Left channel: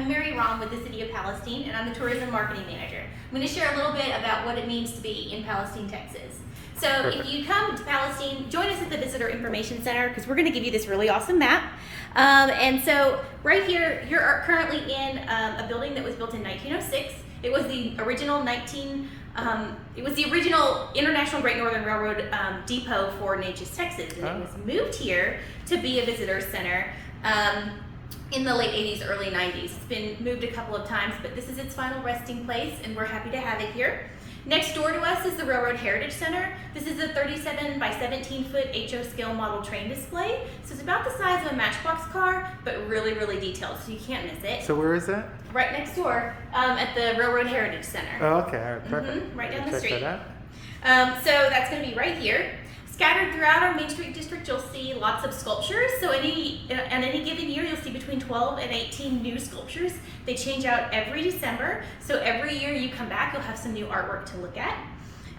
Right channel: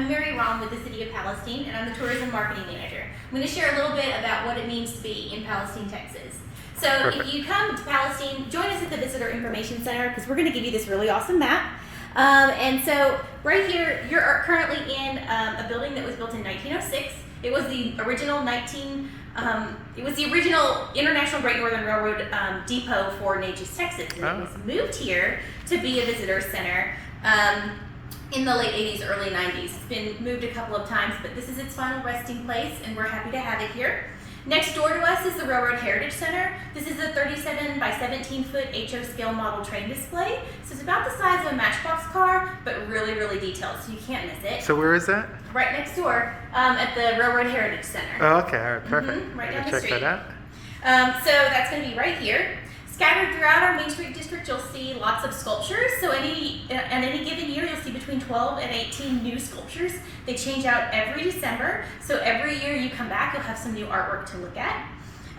I'm Mary Rom with the City of Palestine, and I'm the Tourism Marketing Manager. I'm going to share a little bit about what it means to be in Palestine, Texas. So Perfect. if you come to Palestine, join us at the Visitor Information Center because we're going to give you this really awesome map. And so right here, you're currently in a building that was built in 1906. It was the original International Great Northern Railroad depot for Natchez, Texas, and it was moved here to be a visitor center in the late 80s, early 90s. It's been moved a couple of times, but this is its final resting place, and we're happy to have it here. Next door to us is the Railroad Heritage Center. This is a 37 by 17 foot HO scale model train display. So it's about the size of a Matchbox car, but really, really detailed, so you can't miss it. So where is that? Right next door at the Railroad Heritage Center. Oh, okay, all right, perfect. Right I down can the check street. that out. So that's going to be right here. Scattered throughout our Main Street district, you'll see lots of sculptures. So on any given year, you'll see between 12 and 18 new sculptures. They change out every December. So every year you come back, you'll have some new artwork to look at.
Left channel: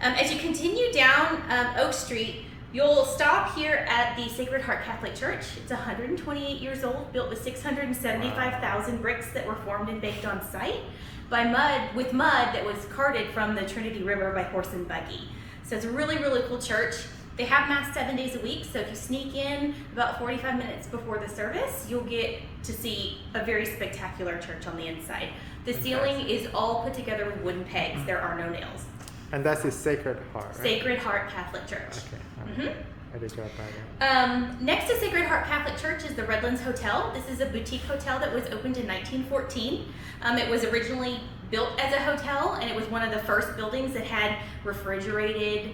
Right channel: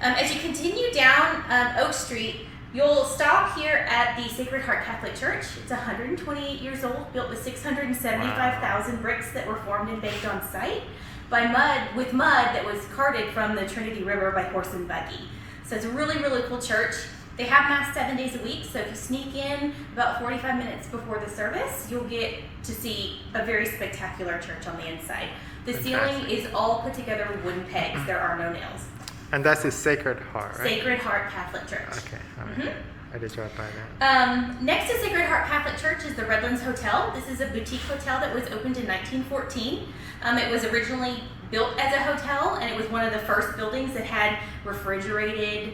As you continue down Oak Street, you'll stop here at the Sacred Heart Catholic Church. It's 128 years old, built with 675,000 bricks that were formed and baked on site with mud that was carted from the Trinity River by horse and buggy. So it's a really, really cool church. They have Mass 7 days a week, so if you sneak in about 45 minutes before the service, you'll get to see a very spectacular church on the inside. The ceiling is all put together with wooden pegs. There are no nails. And that's the Sacred Heart, right? Sacred Heart Catholic Church. Okay, all right. I did drive by that. Next to Sacred Heart Catholic Church is the Redlands Hotel. This is a boutique hotel that was opened in 1914. It was originally built as a hotel, and it was one of the first buildings that had refrigerated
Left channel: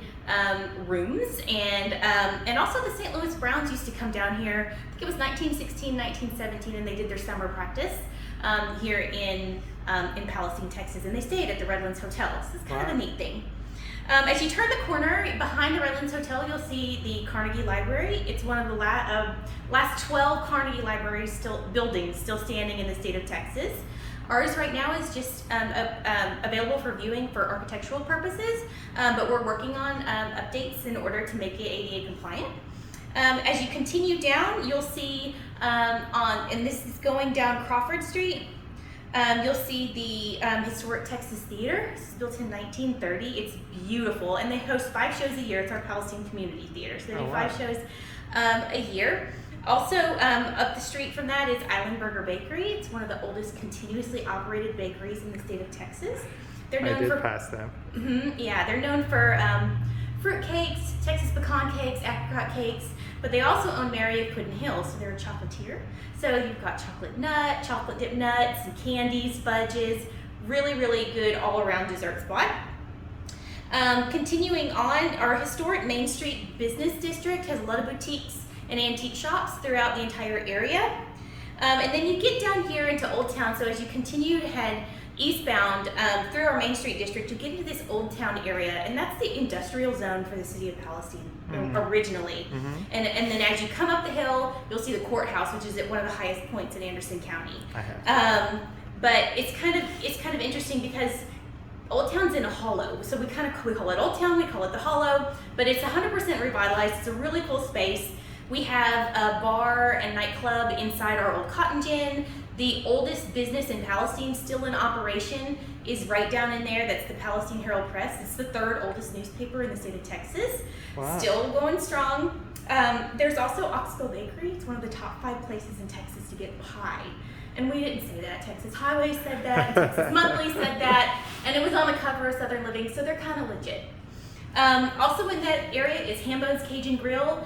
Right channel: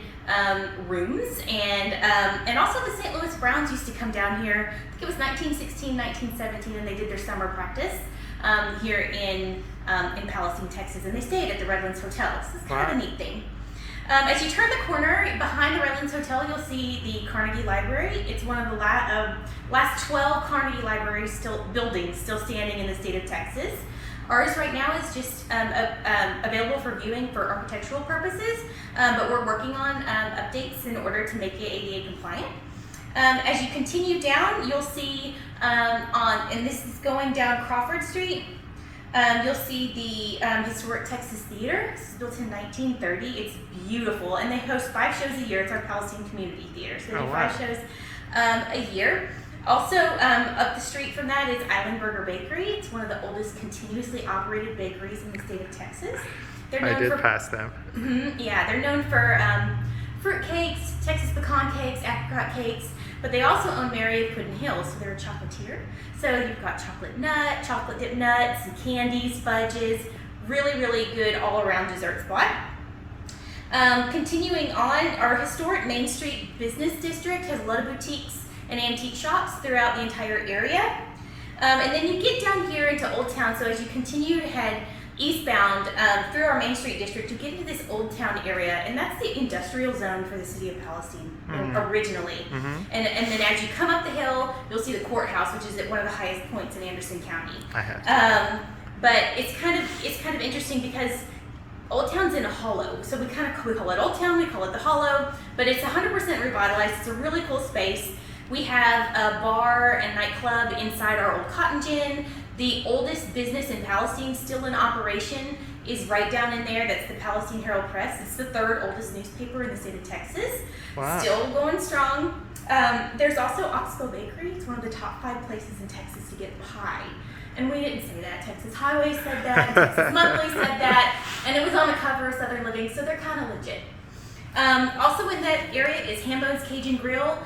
rooms. And also the St. Louis Browns used to come down here. I think it was 1916, 1917, and they did their summer practice here in Palestine, Texas, and they stayed at the Redlands Hotel. So it's kind of a neat thing. As you turn the corner, behind the Redlands Hotel, you'll see the Carnegie Library. It's one of the last 12 Carnegie Library buildings still standing in the state of Texas. Ours right now is just available for viewing for architectural purposes, but we're working on updates in order to make it ADA compliant. As you continue down, you'll see and this is going down Crawford Street, you'll see the Historic Texas Theater. This is built in 1930. It's beautiful, and they host 5 shows a year. It's our Palestine Community Theater, so they do 5 shows a year. Also, up the street from that is Island Burger Bakery. It's one of the oldest continuously operated bakeries in the state of Texas. They're known I did pass them. Yeah, they're known for fruit cakes, Texas pecan cakes, apricot cakes, but they also own Mary of Puddin Hill, so they're a chocolatier. So you've got chocolate dipped nuts, and candies, fudges, really, really good all-around dessert spot. Continuing on, our historic Main Street business district has a lot of boutiques and antique shops throughout the entire area. And then you get down here into Old Town, so as you continue to head eastbound through our Main Street district, you get into this Old Town area, and that's the industrial zone for the City of Palestine originally. And then as you come up the hill, you'll see the courthouse, which is at one of the highest points in Anderson County. But it's kind of interesting because Old Town's in a hollow, so we call it Old Town, we call it the Hollow, but it's 100% revitalized. It's a really cool space. We have a bar and nightclub inside our old cotton gin. The oldest business in Palestine still in operation is right down in there. That's the Palestine Herald Press. It's the 3rd oldest newspaper in the state of Texas. Wow. Still going strong. There's also Oxbow Bakery. It's one of the top 5 places in Texas to get pie. And we didn't say that. Texas Highway said that, Texas Monthly said that, and it was on the cover of Southern Living, so they're kind of legit. Also in that area is Hambo's Cajun Grill,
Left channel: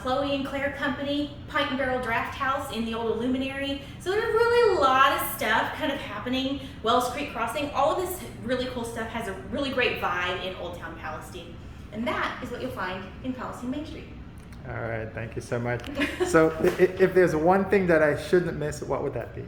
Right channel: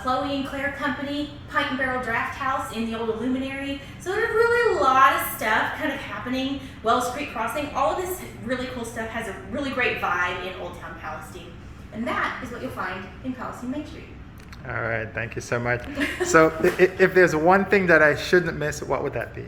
Chloe and Claire Company, Pint and Barrel Draft House in the old Illuminary. So there's really a lot of stuff kind of happening. Wells Creek Crossing, all of this really cool stuff has a really great vibe in Old Town Palestine. And that is what you'll find in Palestine Main Street. All right, thank you so much. So if there's one thing that I shouldn't miss, what would that be?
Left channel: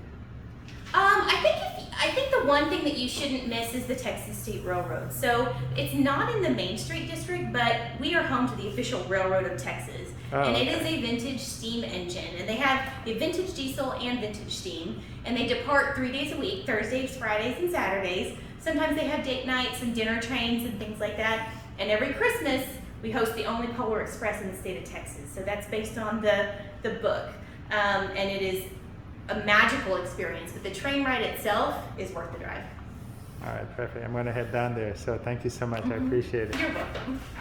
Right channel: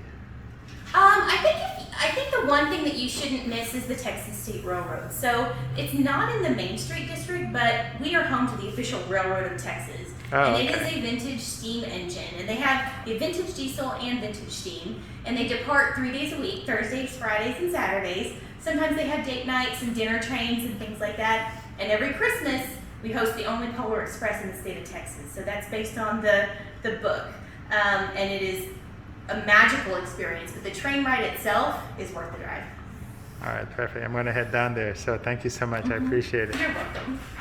I think the one thing that you shouldn't miss is the Texas State Railroad. So it's not in the Main Street district, but we are home to the official railroad of Texas. It is a vintage steam engine, and they have a vintage diesel and vintage steam, and they depart 3 days a week, Thursdays, Fridays, and Saturdays. Sometimes they have date nights and dinner trains and things like that. And every Christmas, we host the only Polar Express in the state of Texas. So that's based on the book, and it is a magical experience, but the train ride itself is worth the drive. All right, perfect. I'm going to head down there. So thank you so much. I appreciate it. You're welcome.